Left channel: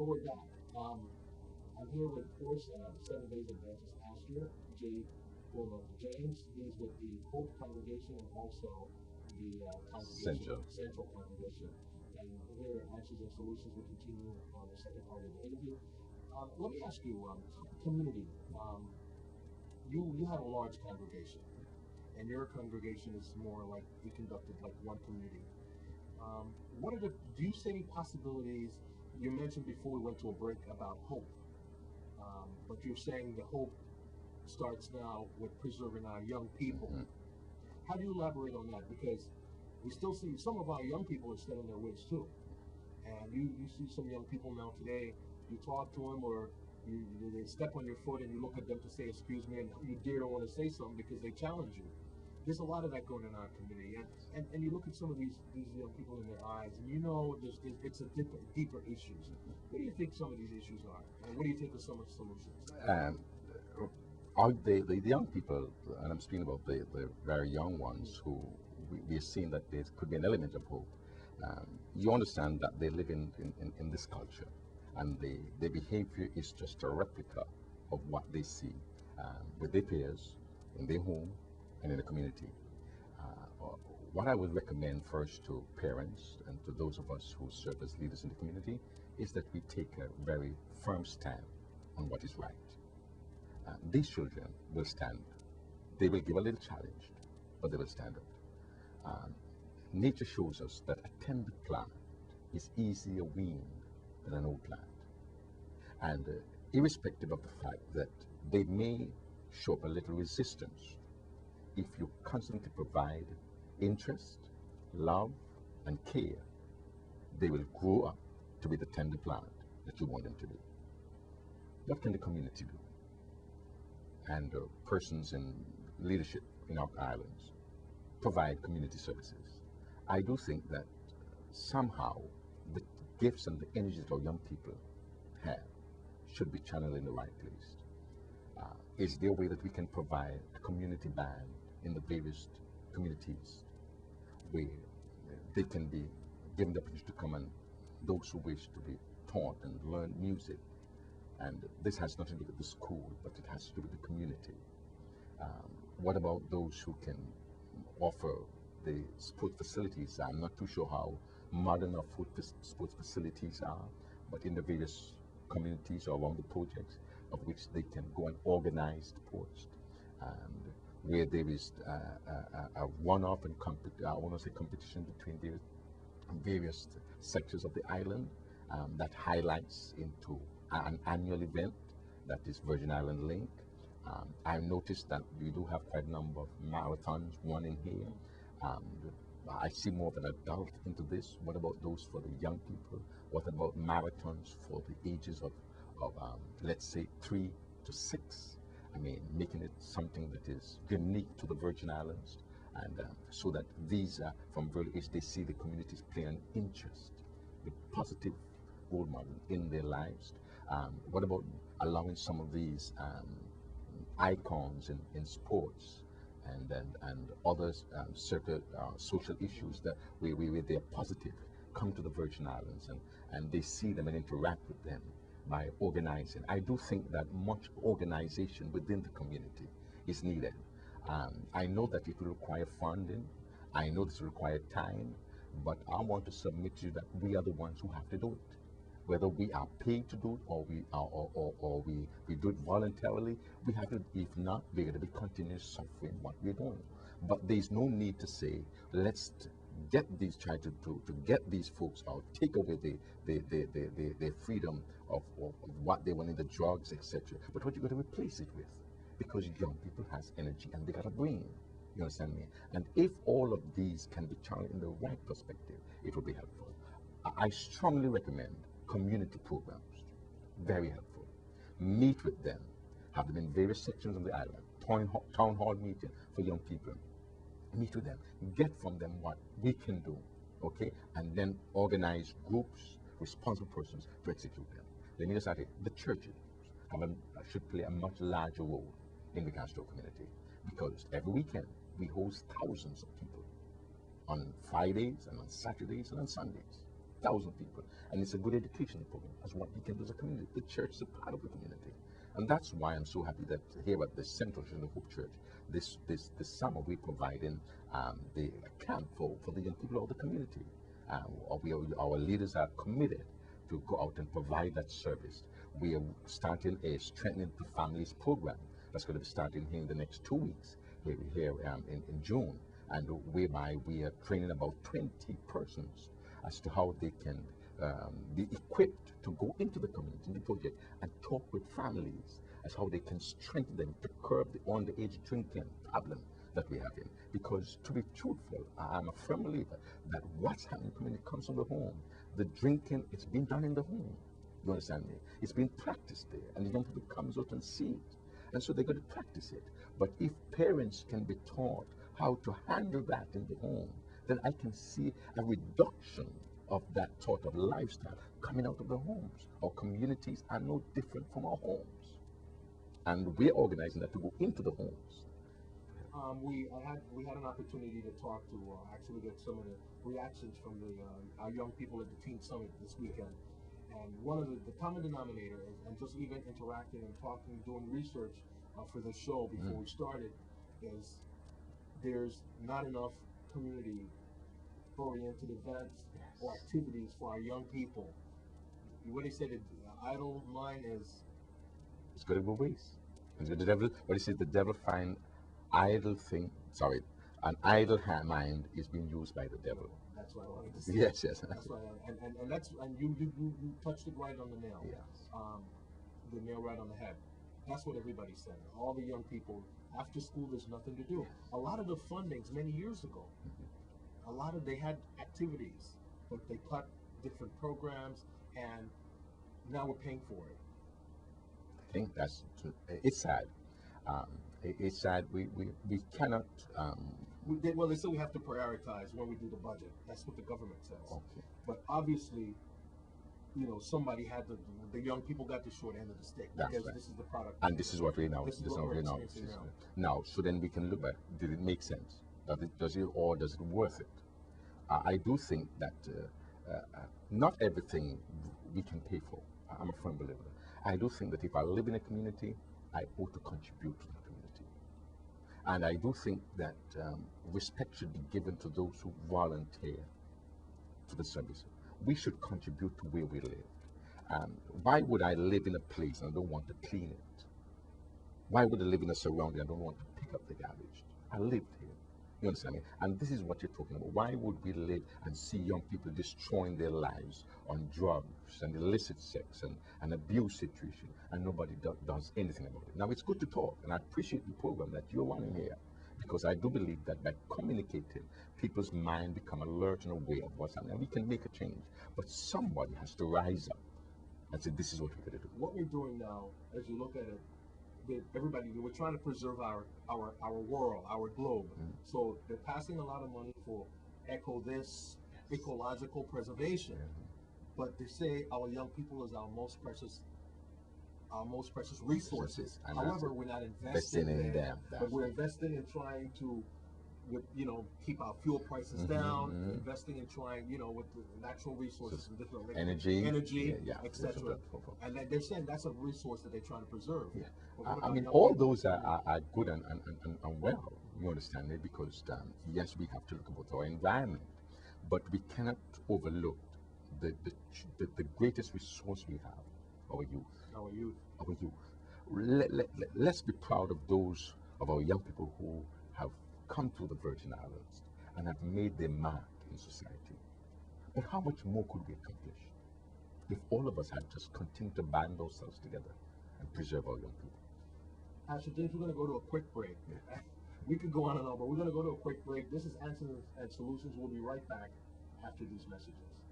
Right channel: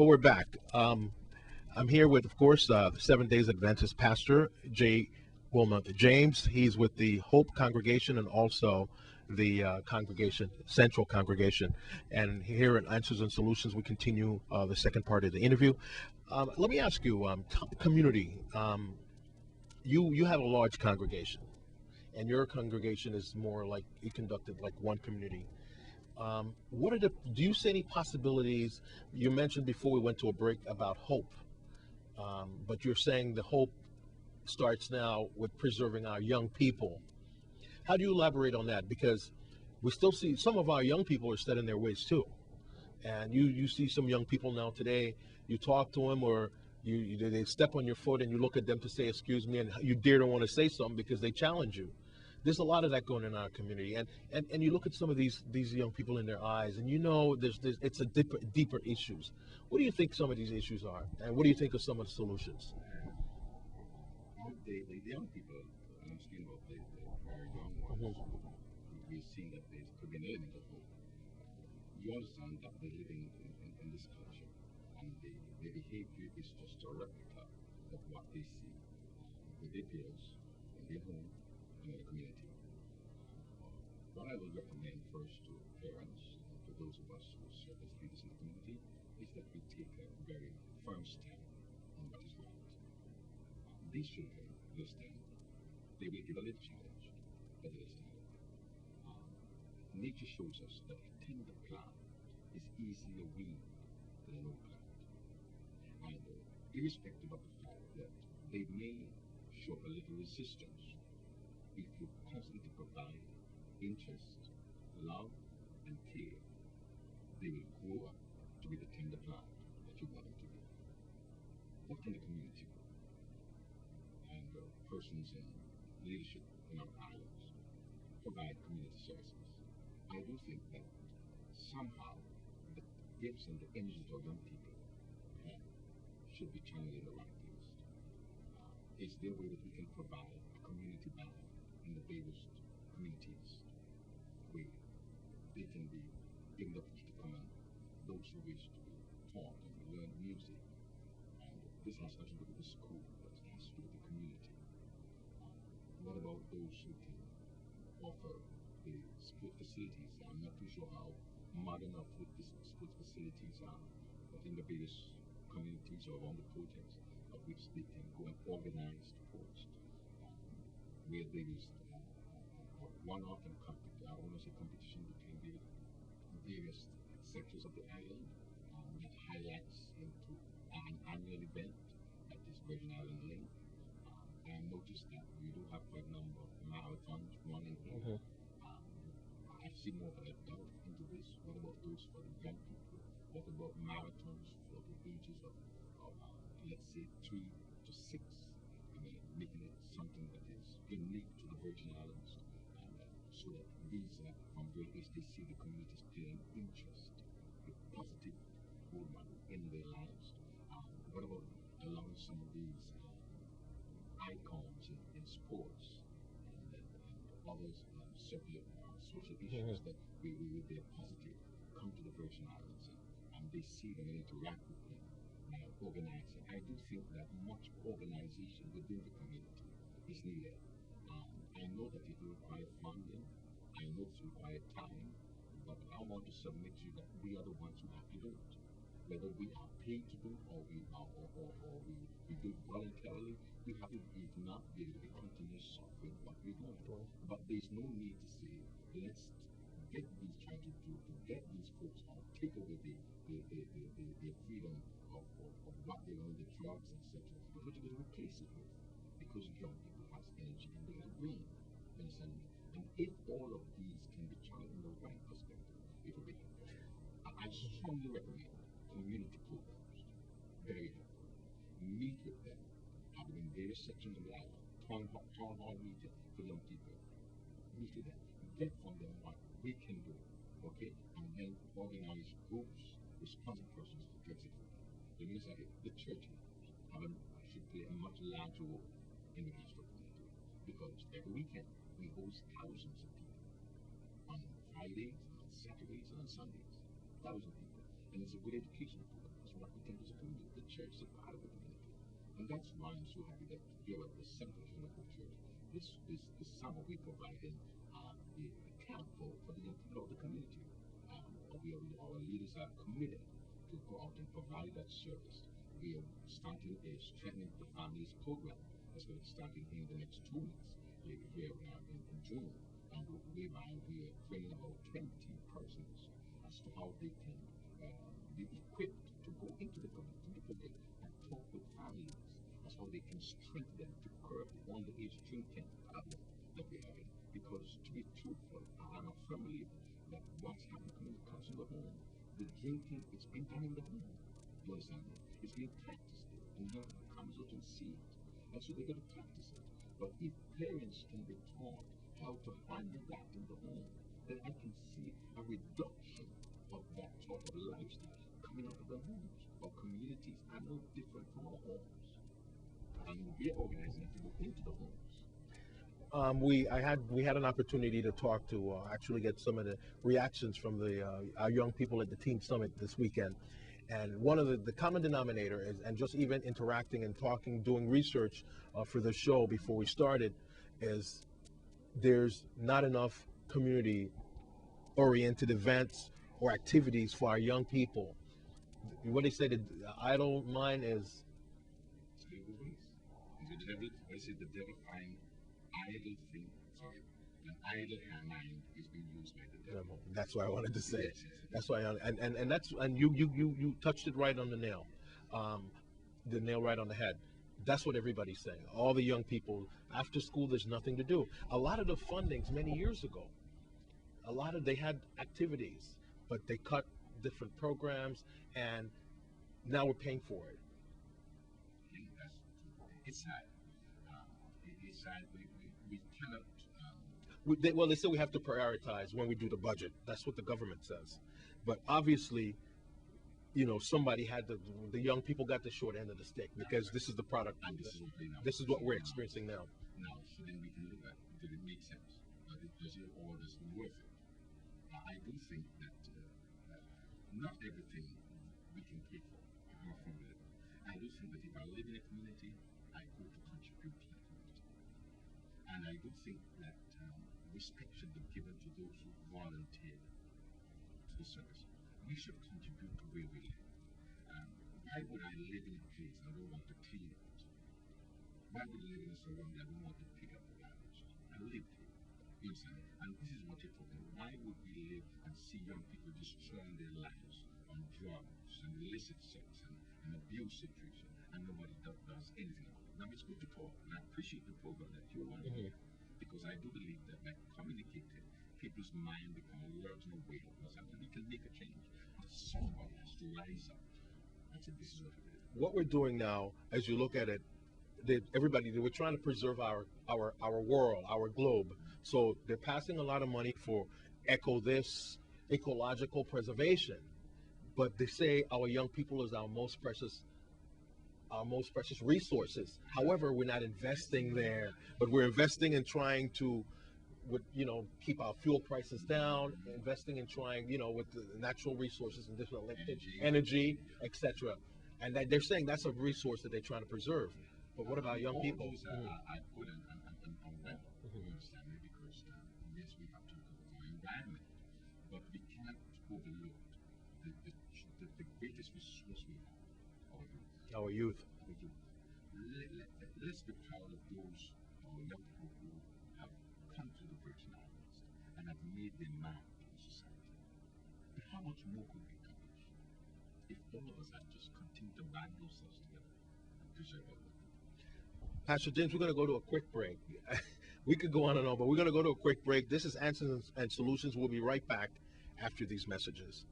But we're back. I'm here with, of course, the Seven Days Adventist pastor, J. Wilmoth James. He's with the Hope Congregation and also the congregation, Central Congregation. And here at Answers and Solutions, we continue the second part of the interview. Let me ask you, community, you have a large congregation, and your congregation is more like you conducted like one community. What are do you see any possibilities? You mentioned before we went to a break about hope, but you're saying the hope starts now with preserving our young people. How do you elaborate on that? Because we still see some of our young people are set in their ways too. And you see some young people now today, you talk to them or they step on your foot and you look at them to say, excuse me, and you dare don't want to say something because they challenge you. There's a lot of that going in our community, and you look at some of these young people in their eyes, and you know there's it's a deeper issues. What do you think some of these issues are, and what do you think of some of the solutions? The young people, and I'm speaking about the very young ones who we are seeing that there could be an element of hope. You understand that they live in this culture, and their behavior is just a replica of what they see with their peers, in their home, and in the community. What I would recommend first to parents and to those of us who serve as leaders in the community is that we take a very firm stand on what is right. These children will stand. They will give a little challenge, but they will stand up. Nature shows us that a tender plant is easier weaned than an old plant. And irrespective of the fact that they may show up a little resistance, if you constantly provide interest, love, and care, they will grow up to be the tender plant that you want them to be. What can the community do? And persons in leadership in our islands provide community services. I do think that somehow the gifts and the energy that our young people have should be channeled in the right place. Is there a way that we can provide a community band in the various communities where they can be given the opportunity to come, and those who wish to be taught and learn music? And this has nothing to do with the school, but it has to do with the community. What about those who can offer the sport facilities? I'm not too sure how modern our sports facilities are, but in the various communities or around the projects of which they can go and organize sports, and where there is a one-off and I want to say competition between various sectors of the island that highlights into an annual event that is Virgin Island Link. I've noticed that we do have quite a number of marathons, one in here. I see more of an adult into this. What about those for the young people? What about marathons for the ages of let's say 3 to 6? I mean, making it something that is unique to the Virgin Islands, and so that these from early age they see the communities play an interest, a positive role model in their lives. What about allowing some of these icons in sports and others social issues that where they're positive come to the Virgin Islands, and they see them and interact with them by organizing? I do think that much organization within the community is needed. I know that it will require funding. I know this will require time, but I want to submit to you that we are the ones who have to do it. Whether we are paid to do it or we do it voluntarily, we have to. If not, we're going to be continuously suffering what we're doing. But there's no need to say, let's get these, try to get these folks out, take away their freedom of what they want in the drugs, etc. But what you're going to replace it with, because young people has energy and they got a brain. You understand me? And if all of these can be channeled in the right perspective, it will be helpful. I strongly recommend community programs. Very helpful. Meet with them. Have them in various sections of the island. Town hall meeting for young people. Meet with them. Get from them what we can do. Okay? And then organize groups, responsible persons to execute them. Let me just add it. The churches should play a much larger role in the Castro community, because every weekend we host thousands of people on Fridays and on Saturdays and on Sundays. 1,000 people. And it's a good educational program as what we can church is a part of the community. And that's why I'm so happy that here at the Central Church of Hope Church, this summer we're providing the camp for the young people of the community. Our leaders are committed to go out and provide that service. We are starting a Strengthening the Families program that's going to be starting here in the next 2 weeks here in June, and whereby we are training about 20 persons as to how they can be equipped to go into the community project and talk with families as how they can strengthen them to curb the underage drinking problem that we have in. Because to be truthful, I'm a firm believer that what's happening in the community comes from the home. The drinking, it's been done in the home. You understand me? It's been practiced there, and the young people comes out and see it. And so they're going to practice it. But if parents can be taught how to handle that in the home, then I can see a reduction of that sort of lifestyle coming out of the homes. Our communities are no different from our homes. And we're organizing that to go into the homes. We had an opportunity to talk to actually get some of the reactions from our young people at the Teen Summit this weekend. And one of the common denominator is, and just even interacting and talking, doing research for the show before we started, is there's not enough community-oriented events or activities for our young people. What they say, the idle mind is... It's going to go waste. The devil, what he says, the devil find idle thing, sorry, an idle mind is being used by the devil. That's what I wanted to say. Yes. That's why, and you touched it right on the nail. Yes. The nail right on the head. That's what everybody's saying. All the young people, after school, there's nothing to do. A lot of the fundings many years ago, they had activities, but they cut different programs, and now we're paying for it. I think it's sad. It's sad. We cannot. Well, they say we have to prioritize when we do the budget. That's what the government says. Okay. But obviously, somebody had the young people got the short end of the stick, because right. This is the product. And this is what we now. This is what we're experiencing now. Now, so then we can look at, did it make sense? Does it worth it? I do think that not everything we can pay for. I'm a firm believer. I do think that if I live in a community, I ought to contribute to the community. And I do think that respect should be given to those who volunteer to the service. We should contribute to where we live. Why would I live in a place and I don't want to clean it? Why would I live in a surrounding and I don't want to pick up the garbage? I lived here. You understand me? And this is what you're talking about. Why would we live and see young people destroying their lives on drugs and illicit sex and abuse situation, and nobody does anything about it? Now, it's good to talk, and I appreciate the program that you're running here, because I do believe that by communicating, people's mind become alert and aware of what's happening, and we can make a change. But somebody has to rise up and say, this is what we're going to do. What we're doing now, as you look at it, we're trying to preserve our world, our globe. So they're passing a lot of money for ecological preservation. But they say our young people is our most precious resources. However, we're not investing there, but we're investing in trying to, keep our fuel prices down, investing in trying, with the natural resources and different energy, etc. And that they're saying that's a resource that they're trying to preserve. Yeah. I mean, all those are good and well, you understand me, because yes, we have to look about our environment, but we cannot overlook the greatest resource we have, our youth. Let's be proud of those of our young people who have come to the Virgin Islands and have made their mark in society. But how much more could we accomplish if all of us had just continued to band ourselves together and preserve our young people? Pastor James, we're going to go to a quick break. We could go on and on, but we're going to go to a quick break. This is Answers and Solutions. We'll be right back after these messages.